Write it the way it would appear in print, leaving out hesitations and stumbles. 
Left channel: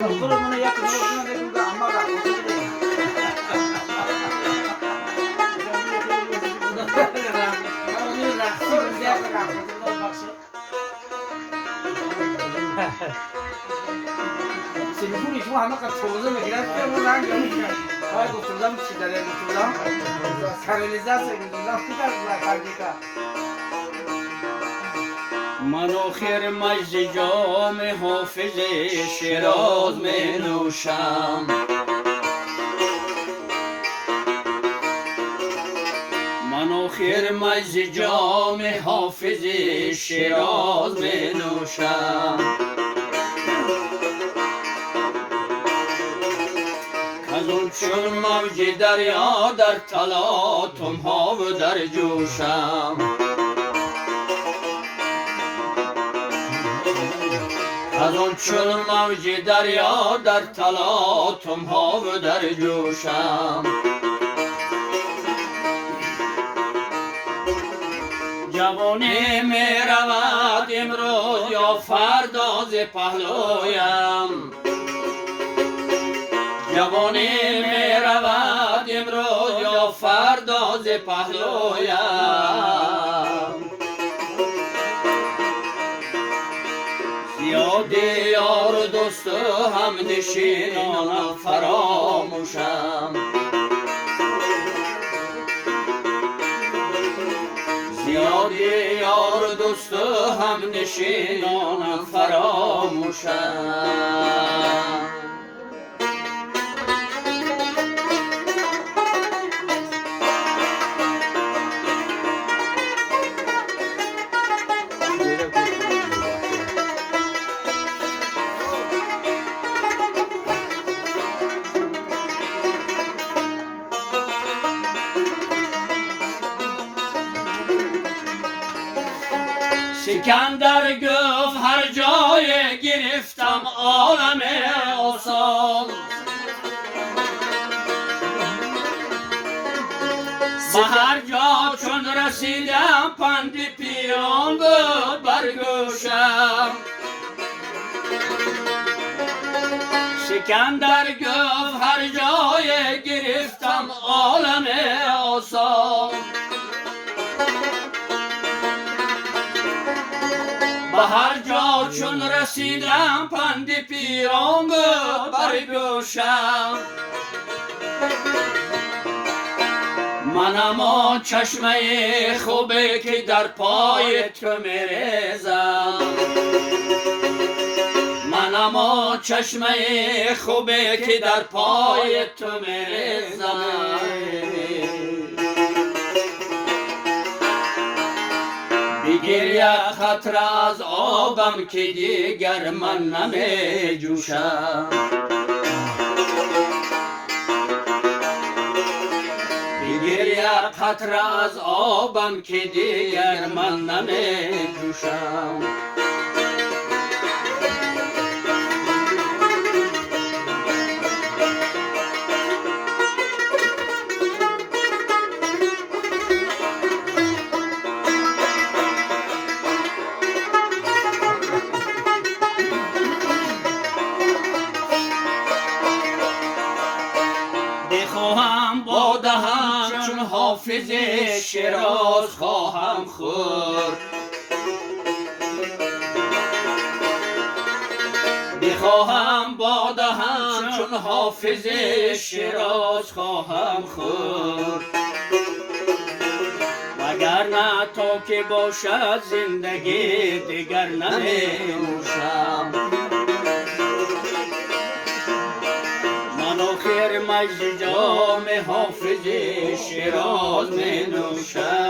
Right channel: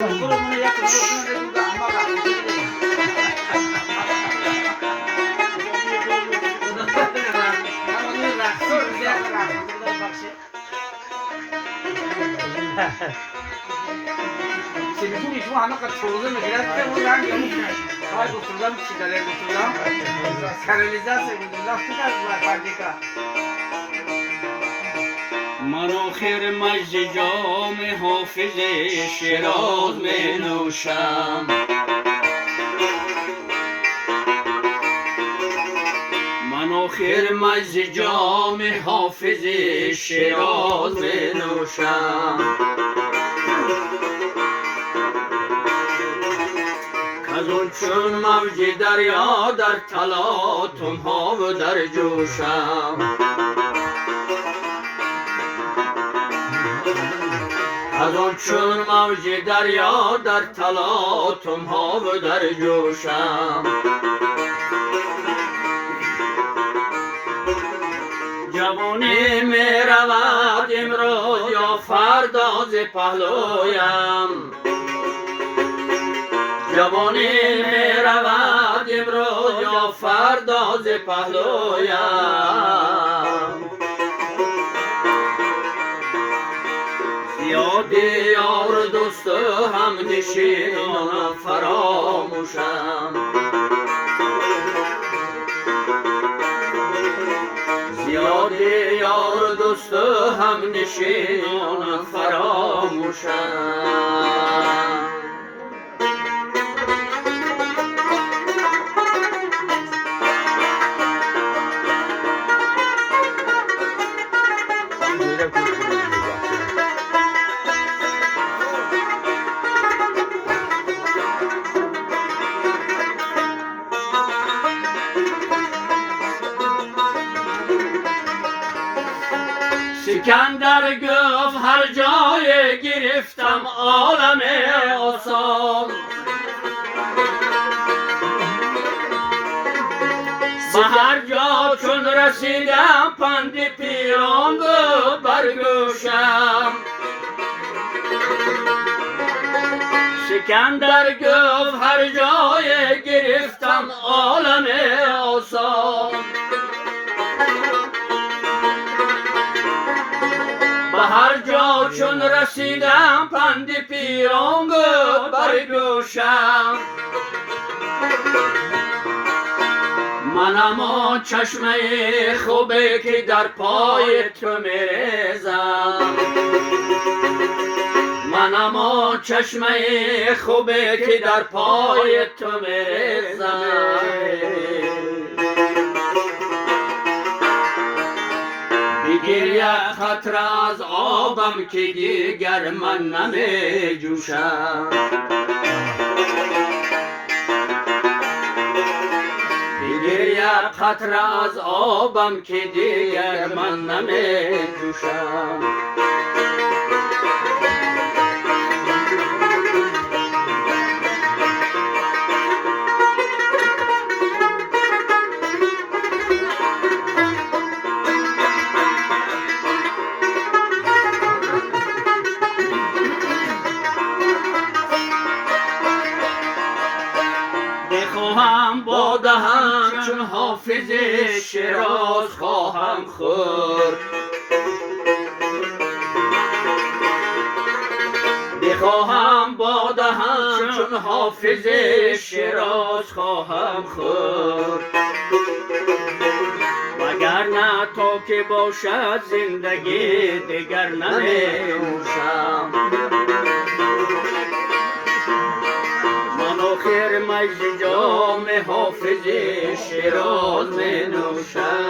그러면 약간 누가 엄마가 Şimdi bu şu ana kadar çoğunluğunu biraz da buradan görmüşler. Hayır bu turdan bir şeyler bu turdan. Kanalizasyon bu turdan bu kadar fabrika. من آخر مجد جام حافظ شیراز می نوشم من آخر مجد جام حافظ شیراز می نوشم کزون چون موج دریا در تلاطم ها و در جوشم از آن چون موج دریا در تلاطم ها و در جوشم جوانی می رود امروز یا فردا ز پهلویم جوانی می رود امروز یا فردا ز پهلویم یاد یار دوست هم نشینان فراموشم زیاد یار دوست هم نشینان فراموشم سکندر گفت هر جای گرفتم عالم آسان به هر جا چون رسیدم پند پیران بود بر گوشم سکندر گفت هر جای گرفتم عالم آسان به هر جا چون رسیدم پند پیران بود بر گوشم منم آن چشمه خوبه که در پای تو میریزم منم آن چشمه خوبه که در پای تو میریزم بگیر یک قطره از آبم که دیگر من نمی جوشم بگیر یک قطره از آبم که دیگر من نمی جوشم بخواهم با دهن چون حافظ شیراز خواهم خورد بخواهم با دهن چون حافظ شیراز خواهم خورد وگرنه تا که باشد زندگی دیگر نمی‌نوشم آخر مجد جام حافظ شیراز می نوشم